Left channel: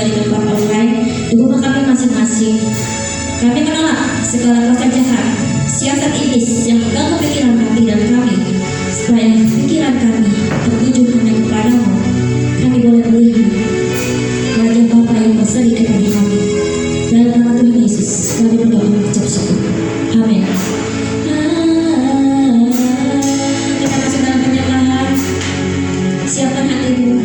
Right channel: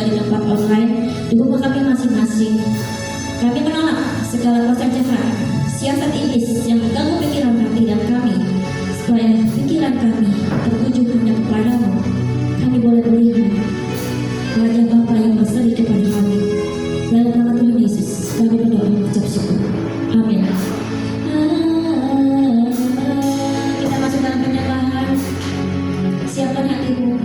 dari tempat online di rumah kami masing-masing. Kami menolak segala kuasa jahat, siasat iblis yang mengganggu pikiran kami dan kami, supaya pikiran kami tertuju hanya kepadamu. Kami boleh melihat wajah Bapa yang berseri kepada kami. Dalam nama Tuhan Yesus, kami berdoa mengucap syukur. Amin. Kita masuk dalam penyembahan. Siapkan hatimu.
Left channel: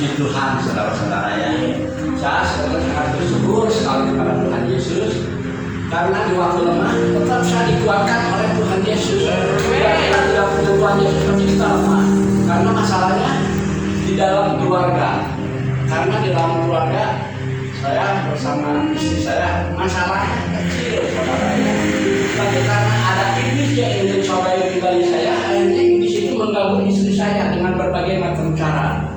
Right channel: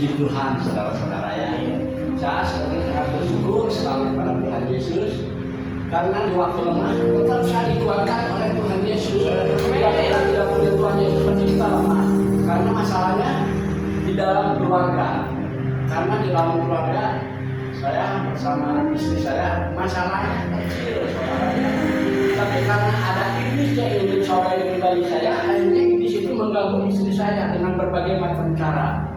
Puji Tuhan, saudara-saudara ya. Saya sebenarnya sangat bersyukur sekali kepada Tuhan Yesus karena di waktu lemah tetap saya dikuatkan oleh Tuhan Yesus. Kita tidak punya Tuhan Yesus kita lemah karena masalahnya di dalam keluarga. Karena di dalam keluarga saya bersama istri saya masalahnya kecil, saudara. Tapi karena ada iblis yang ingin mencobai pribadi saya, akhirnya iblis itu mengganggu istri saya dengan berbagai macam cara.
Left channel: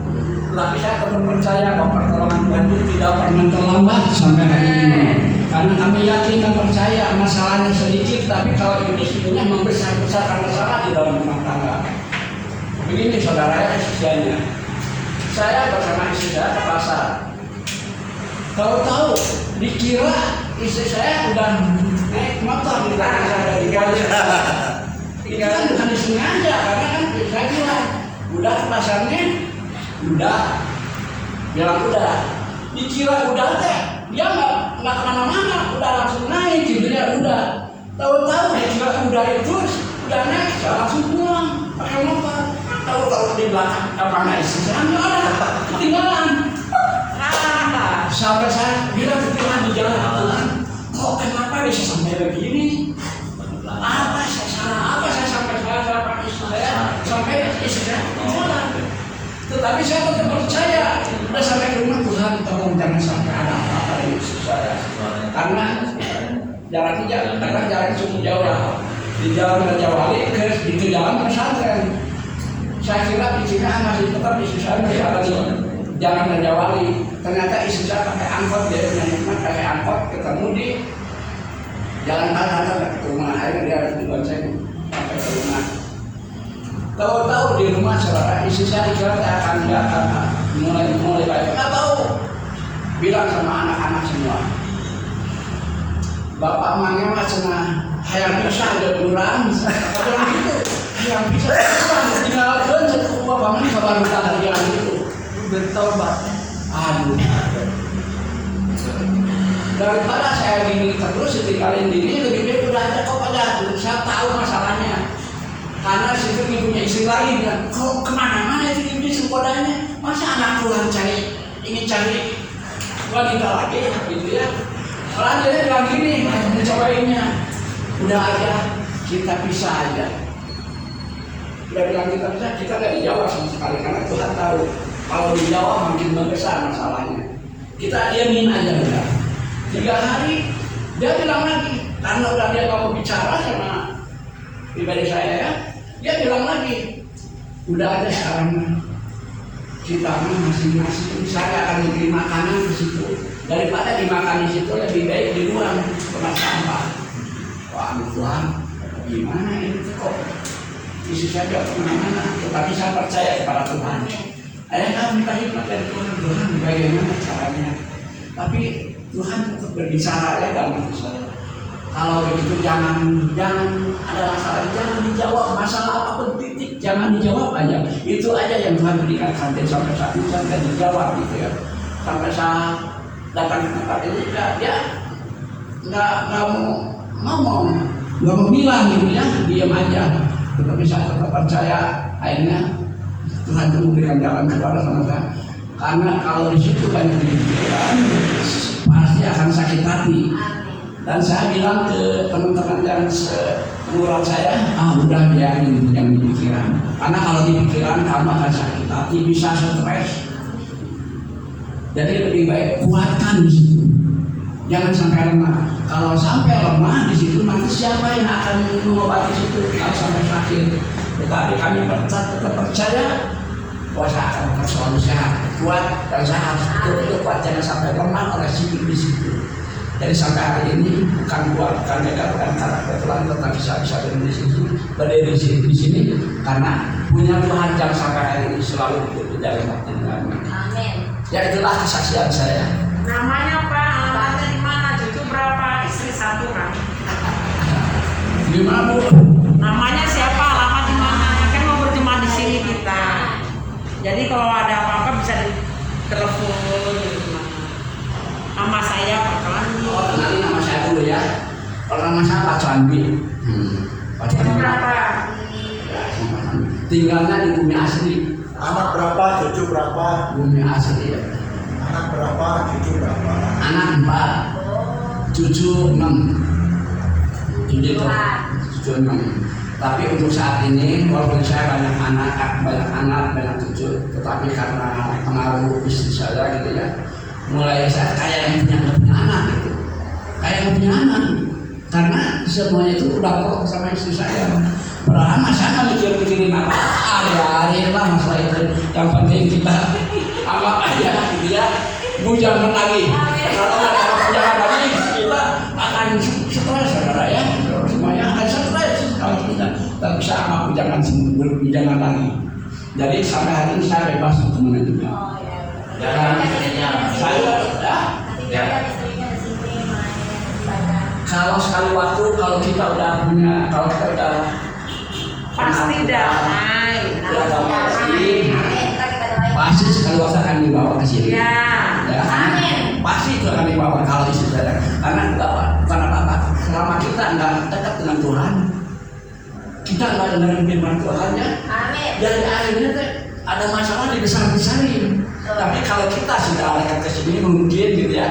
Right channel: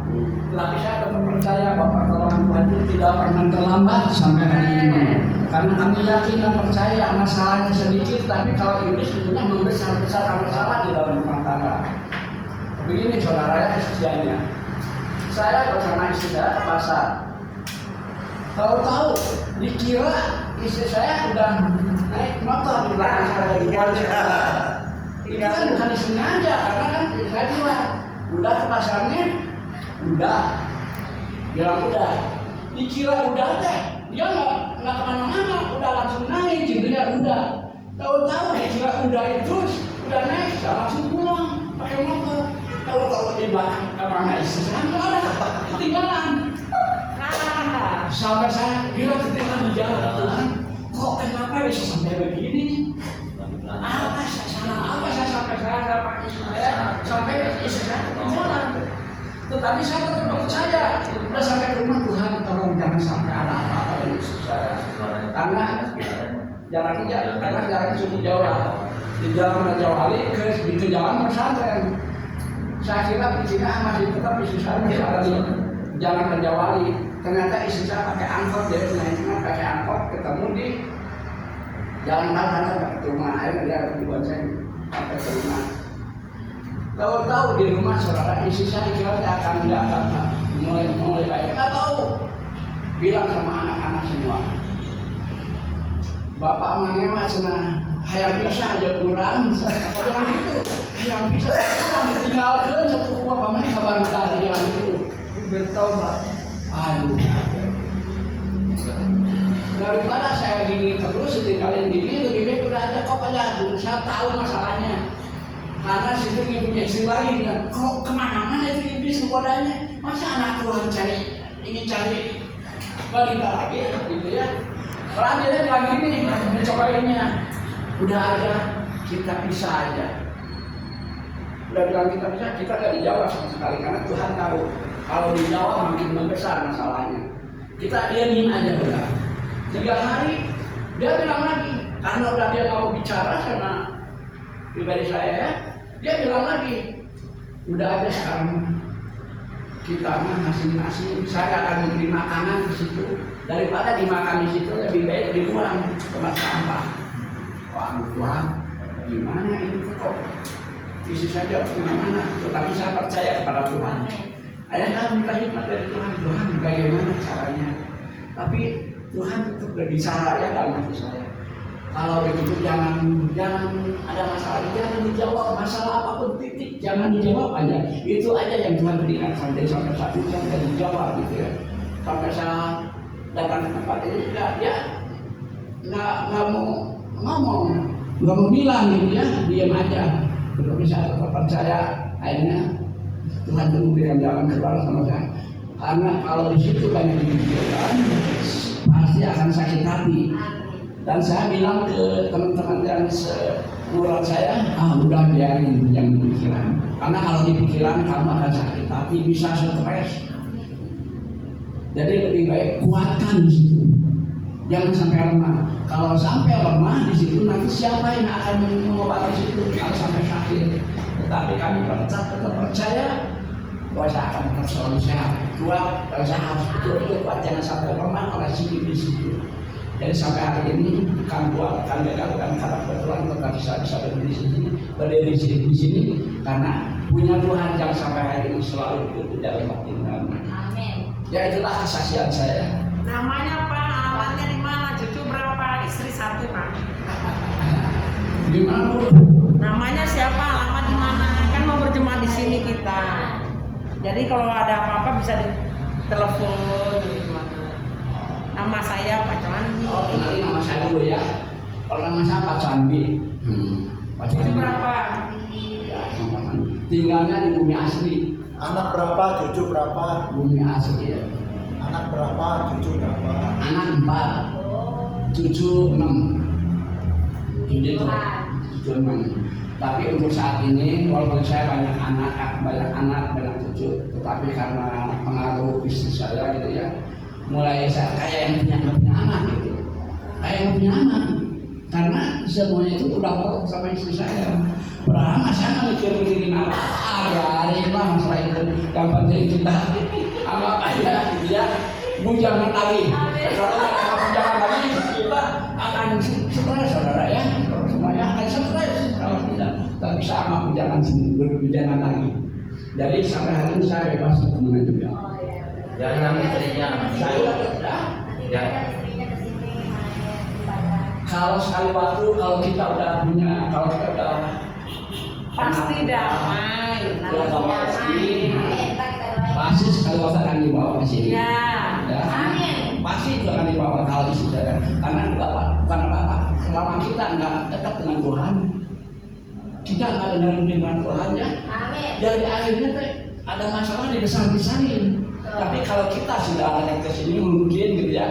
Tetapi saya tetap percaya bahwa pertolongan Tuhan itu tidak pernah terlambat sampai hari ini. Karena kami yakin dan percaya masalahnya sedikit, tapi kalau iblis sebenarnya membesar-besarkan masalah di dalam rumah tangga. Begini saudara ya, sisiannya. Saya bersama istri saya ke pasar. Tahu-tahu dikira istri saya udah naik motor di belakang saya dikali. Itu kan bukan disengaja karena kan saya bilang udah ke pasarnya. Udah, bilang udah, dikira udah teh, dia nggak kemana-mana, udah langsung naik gitu ya udah. Tahu-tahu dikira udah itu, udah naik, saya langsung pulang pakai motor. Tahu-tahu di belakang kamarnya istri saya nggak ada, ketinggalan. Sampai saya bilang ke Tuhan di jalan, Tuhan, kok kenapa bisa sampai begini? Apa saya salah? Apa saya sampai saya pakai istri saya sampai istri saya ketinggalan? Tetapi saya tetap percaya, sudah sampai ke rumah Tuhan, tolong jangan sampai ada apa-apa di istri saya. Karena jaraknya cukup jauh ya. Di jalan Raja Wali ke jalan pesantren. Saya kira di sini masih tetap istri saya masih ada di jalan Raja Wali. Ternyata istri saya pakai angkot, dia punya hikmat pakai angkot ketemu di jalan Pantai ke rumah. Akhirnya dia harus dibonceng sampai ke rumah. Tahu-tahu di rumah saudara istri saya dikira saya akan mulai baik. Nggak tahu. Bilang sama anak-anak semua, bapak mangga macam hayang bisa ada kurang. Kalau gitu hayang bisa kurang. Tinggal kerja ke bapak mangga kabar utara jalan itu. Bertobat. Aduh. Daripada saya gini terus ditinggalin gini, lebih baik udah aja kok aja. Saya tahu masalahnya. Karena situ punya istri lagi bilang, kok kemana-mana itu iblis sekodanya, masa anak Tuhan ingin cari wanita lagi gitu ya. Selanjutnya bilang gini, mencobainnya, udah aja kita pisah aja. Udah bilang kita pisah, kita nggak dijawab sama sekali karena Tuhan tahu kalau dijawab makin membesar masalahnya. Kita diamin aja udah. 3 hari dia bilang lagi, karena udah dia nggak mau bicara sama pribadi saya ya. Dia bilang lagi, udah ada sekarang kita masing-masing saya akan memberi makanan di situ. Daripada dimakan di situ lebih baik dibuang tempat sampah. Wah Tuhan, gimana ini kok? Isi saja kemana-mana. Tetapi saya percaya kepada Tuhan. Kamu minta hikmat dari Tuhan. Tuhan bagaimana caranya? Tapi Tuhan tetap berbicara ya dalam hati saya. Kalau begitu jangan ada masalah, jangan dijawab masalah apapun titik, jangan dijawab aja. Itu aja yang Tuhan berikan sampai saat ini sampai dijawab gitu ya. Sampai saya datang ke tempat ini dia nggak mau ngomong, nggak mau bilang gitu ya, diam aja. Tetapi saya tetap percaya akhirnya Tuhan itu memberikan jalan keluar sama saya. Karena kalau di situ banyak dipikirkan, pasti akan sakit hati. Dan saya bilang ke teman-teman yang seumuran saya, udah biarin yang dipikiran. Karena kalau dipikiran kamu akan sakit hati, bisa stres. Jadi lebih baik kuatkan di situ. Jangan sampai lemah. Kalau sampai lemah di situ, nanti siapa yang akan mengobati situ? Kalau sampai sakit. Tetapi kami tetap percaya bahwa saya akan selalu sehat, kuat, dan saya harus betul-betul kuat. Jangan sampai lemah oleh sikit di situ. Jadi sampai hari ini bukan beda bukan karakter Tuhan, tetapi saya bisa berdiri di sini karena punya Tuhan yang sampai hari ini selalu hidup di dalam hati kami. Amin. Ya itulah kesaksian saya. Namanya Pak, alamatnya di mana? Cucu berapa? Istri 1 kan? Di mana Bu? Namanya siapa? Alamat di mana? Kan mau berjemaah di sini kita. Jadi kalau ada apa-apa bisa ditelepon. Nama saya Pak Candi. Oh, kenalin nama saya dulu ya. Kalau nama saya Pak Candi. Pak Candi berapa? Tinggalnya di bumi asli. Anak berapa, cucu berapa? Bumi asli ya. Anak berapa, cucu berapa? Anak 4, cucu 6. Begitu. Cucu 6. Tapi untuk saat ini, walaupun saya banyak anak, cucu, tetapi karena pengaruh bisnis saya gitu ya, mulai saya kayak yang punya anak gitu. Kayak yang punya anak. Karena semuanya itu udah pro sama istri saya. Padahal saya mikir-mikirin apa, hari-hari lah masalah itu. Yang penting kita amat aja gitu ya. Jangan lagi. Kalau ada jangan lagi, kita akan stres, saudara ya. Semuanya akan stres kalau kita tak bisa amat jangan lagi. Jadi sampai hari ini saya bebas untuk kemana juga. Jangan istrinya. Saya ya. Kalau sekali waktu, kalau kita udah Pasti damai. pasti sekali waktu akan dibawa ke sini. Ya. Pasti itu akan dibawa kalau istri saya. Karena apa? Selama kita nggak dekat dengan Tuhan, kita nggak dengar firman Tuhan ya. Jadi akhirnya ada masalah dibesar-besarin. Tapi kalau kita sudah dekat ke sini mungkin gitu ya.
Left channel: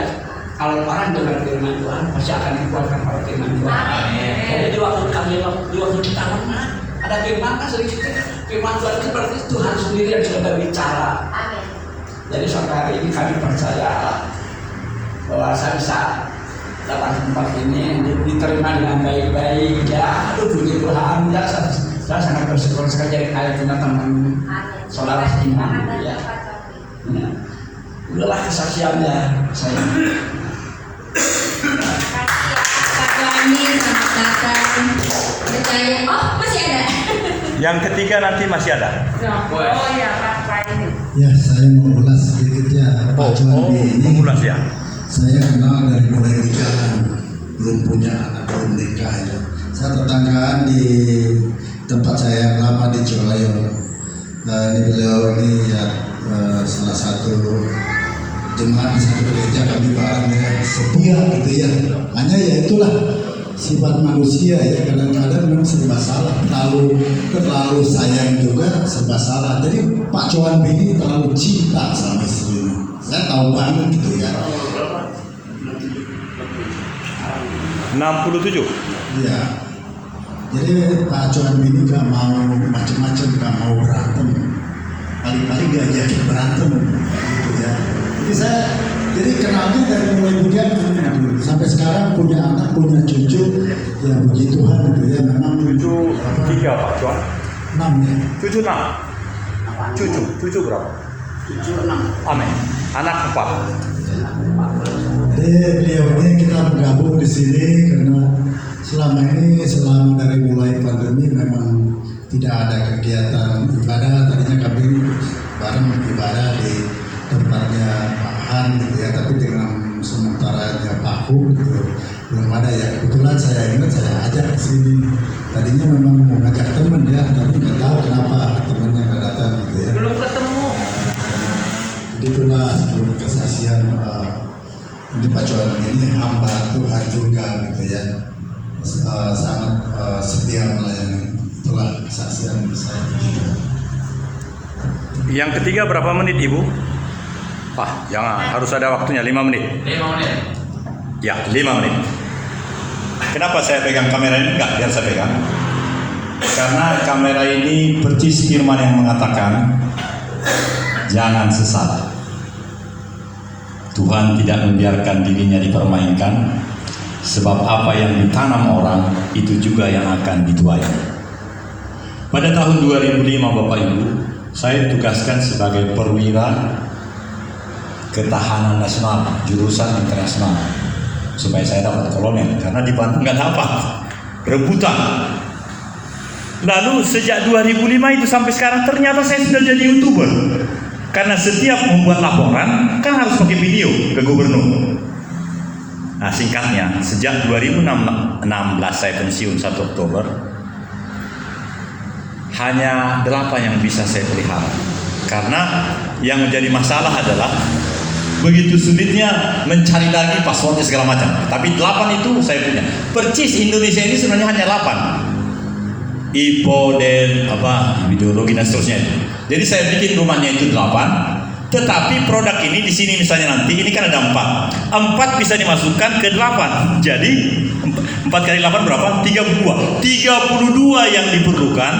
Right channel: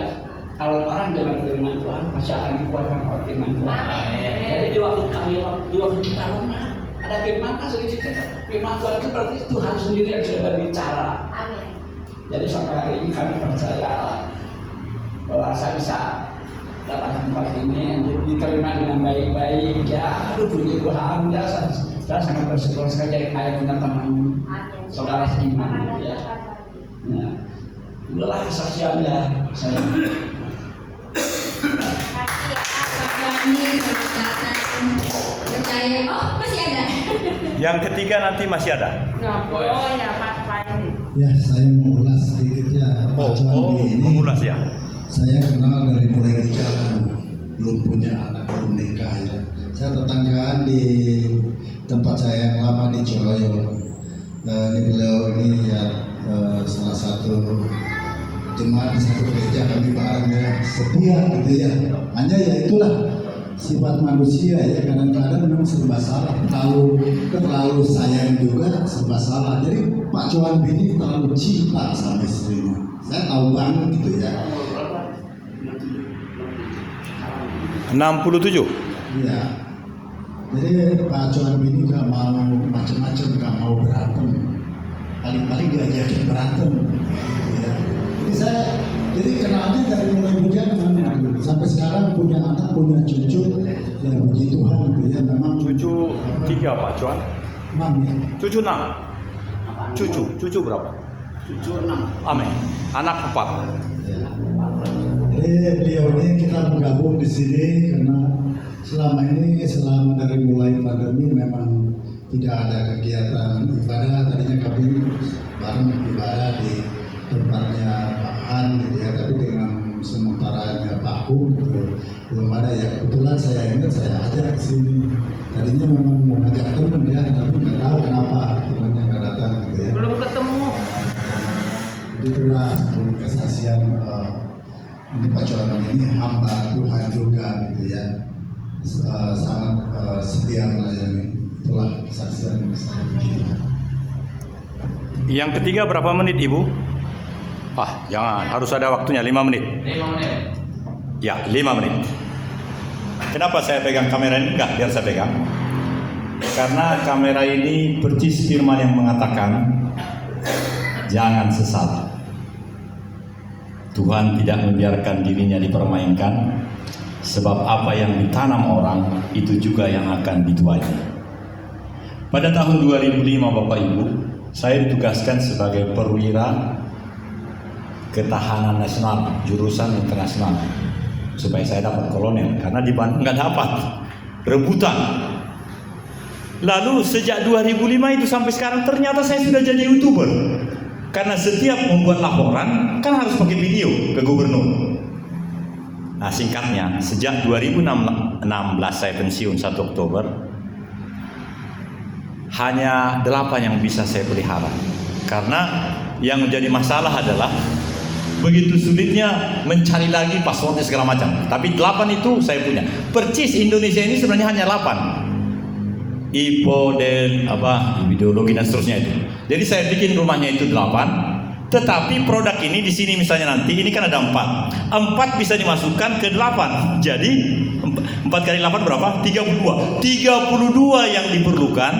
Kalau orang dengar firman Tuhan pasti akan dikuatkan oleh firman Tuhan. Jadi di waktu kita lemah ada firman kan sedikit firman Tuhan itu berarti Tuhan sendiri yang sudah berbicara. Jadi sampai hari ini kami percaya bahwa saya bisa datang ke tempat ini diterima dengan baik-baik ya. Aduh puji Tuhan ya, saya sangat bersyukur sekali jadi ayah punya teman saudara seiman ya. Ya. Udahlah kesaksiannya saya. Satu lagi selamat datang. Percaya. Oh masih ada. Yang ketiga nanti masih ada. Oh ya Pak ini. Ya, saya mau ulas sedikit ya, Pak Cuandi ini. Mengulas ya. Saya kenal dari mulai nikahan, belum punya anak, belum nikah ya. Saya tetanggaan di tempat saya yang lama di Ciwalayong. Nah, ini beliau ini ya salah satu jemaat di satu gereja kami bareng ya, setia gitu ya. Hanya ya itulah sifat manusia ya, kadang-kadang memang serba salah, terlalu sayang juga serba salah. Jadi Pak Cuandi ini terlalu cinta sama istrinya. Saya tahu banget gitu ya. 67. Iya. Jadi Pak Cuandi ini gak mau macam-macam, gak mau berantem. Paling-paling diajakin berantem gitu ya. Jadi kenalnya dari mulai bujangan gitu. Sampai sekarang punya anak, punya cucu. Ya puji Tuhan gitu ya. Memang Cucu 3 Pak Cuan. 6 ya. Cucu 6. Cucu berapa? Cucu 6. Amin. Anak 4. Jadi beliau ini kita bergabung di sini karena selama dari mulai pandemi memang tidak ada kegiatan ibadah. Tadinya kami bareng ibadah di tempatnya Pak Han gitu ya, tapi dengan sementaranya Pak Hu gitu belum ada ya. Kebetulan saya ingat saya ajak ke sini. Tadinya memang mau ngajak teman ya, tapi nggak tahu kenapa temannya nggak datang gitu ya. Belum ketemu. Jadi itulah seluruh kesaksian ini Pak Cuandi ini hamba Tuhan juga gitu ya, sangat setia melayani. Itulah kesaksian saya. Yang ketiga berapa menit Ibu? Jangan, harus ada waktunya 5 menit. 5 menit. Ya, 5 menit. Kenapa saya pegang kamera ini? Enggak, biar saya pegang. Karena kamera ini percis firman yang mengatakan jangan sesat. Tuhan tidak membiarkan dirinya dipermainkan, sebab apa yang ditanam orang itu juga yang akan dituai. Pada tahun 2005 Bapak Ibu, saya ditugaskan sebagai perwira ketahanan nasional, jurusan internasional, supaya saya dapat kolonel, karena di Bandung nggak dapat, rebutan. Lalu sejak 2005 itu sampai sekarang ternyata saya sudah jadi YouTuber. Karena setiap membuat laporan kan harus pakai video ke gubernur. Nah singkatnya, sejak 2016 saya pensiun 1 Oktober, hanya 8 yang bisa saya pelihara. Karena yang menjadi masalah adalah begitu sulitnya mencari lagi passwordnya segala macam. Tapi 8 itu saya punya. Percis Indonesia ini sebenarnya hanya 8. ideologi dan seterusnya itu. Jadi saya bikin rumahnya itu 8, tetapi produk ini di sini misalnya nanti ini kan ada 4 bisa dimasukkan ke 8. Jadi 4 kali 8 berapa? 32 yang diperlukan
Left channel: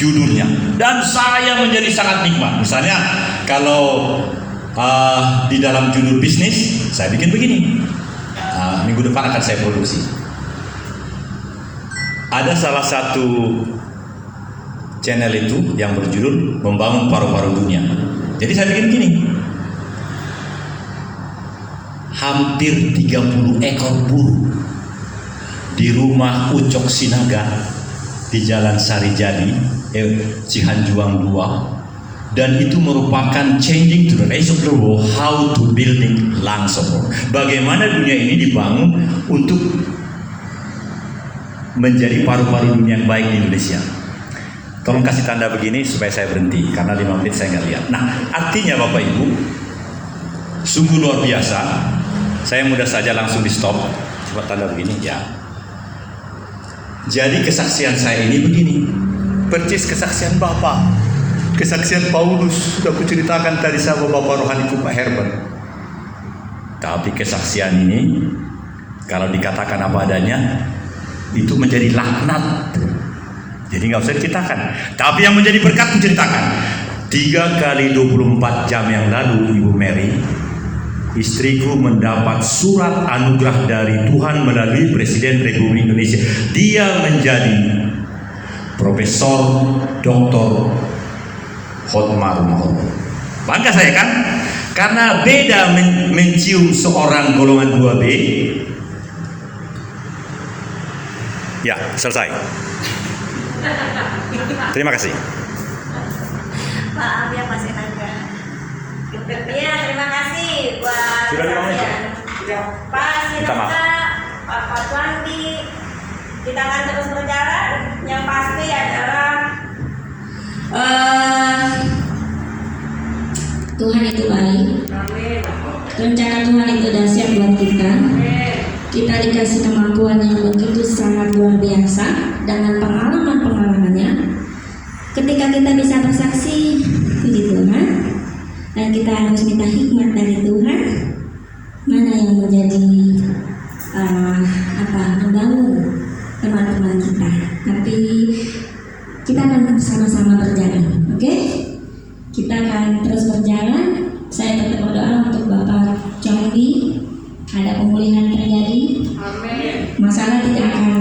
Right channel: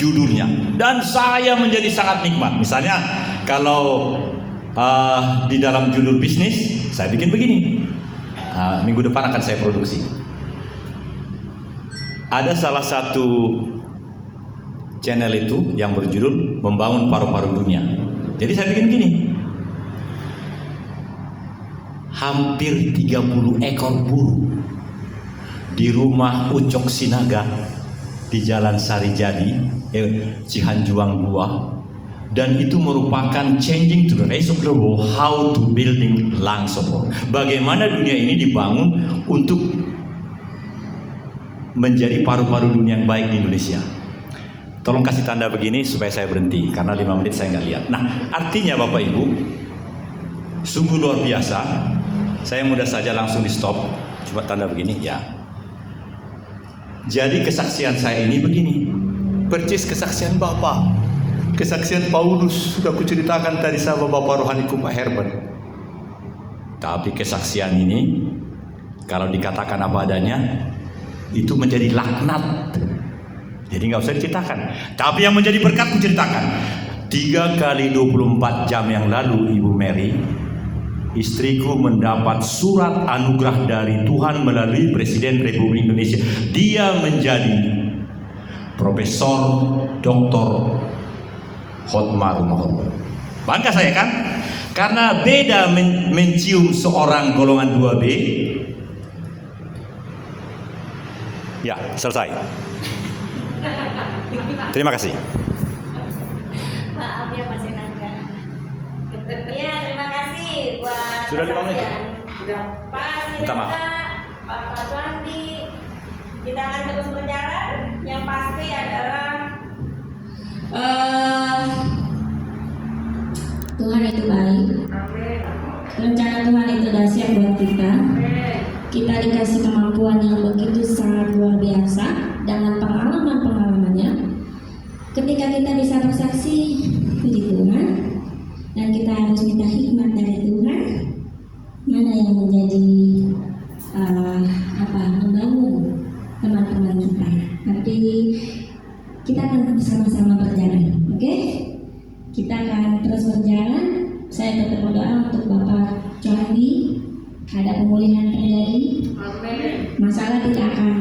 judulnya. Dan saya menjadi sangat nikmat. Misalnya kalau di dalam judul bisnis saya bikin begini. Minggu depan akan saya produksi. Ada salah satu channel itu yang berjudul Membangun Paru-Paru Dunia. Jadi saya bikin gini. Hampir 30 ekor burung di rumah Ucok Sinaga di Jalan Sarijadi, Cihanjuang 2, dan itu merupakan changing to the rest of the world how to building lung support. Bagaimana dunia ini dibangun untuk menjadi paru-paru dunia yang baik di Indonesia. Tolong kasih tanda begini supaya saya berhenti karena 5 menit saya nggak lihat. Nah, artinya Bapak Ibu, sungguh luar biasa. Saya mudah saja langsung di stop. Coba tanda begini ya. Jadi kesaksian saya ini begini. Percis kesaksian Bapak, kesaksian Paulus sudah kuceritakan tadi sama Bapak rohaniku Pak Herbert. Tapi kesaksian ini kalau dikatakan apa adanya itu menjadi laknat. Jadi nggak usah diceritakan. Tapi yang menjadi berkat diceritakan. 3 kali 24 jam yang lalu Ibu Mary, istriku mendapat surat anugerah dari Tuhan melalui Presiden Republik Indonesia. Dia menjadi Profesor Dr. Hotmar Mahoro. Bangga saya kan? Karena beda mencium seorang golongan 2B. Ya, selesai. Terima kasih. Maaf ya Pak Sinaga. Iya, terima kasih buat kesaksian Pak Sinaga, Pak Fatwandi. Kita akan terus berjalan. Yang pasti adalah Tuhan itu baik. amin. Rencana Tuhan itu dahsyat buat kita. Kita dikasih kemampuan yang begitu sangat luar biasa dengan pengalaman-pengalamannya. Ketika kita bisa bersaksi, puji Tuhan, dan kita harus minta hikmat dari Tuhan, mana yang menjadi membangun teman-teman kita. Tapi kita akan sama-sama berjalan, oke? Kita akan terus berjalan. Saya tetap berdoa untuk Bapak Cohadi, ada pemulihan terjadi. Amin. Masalah tidak akan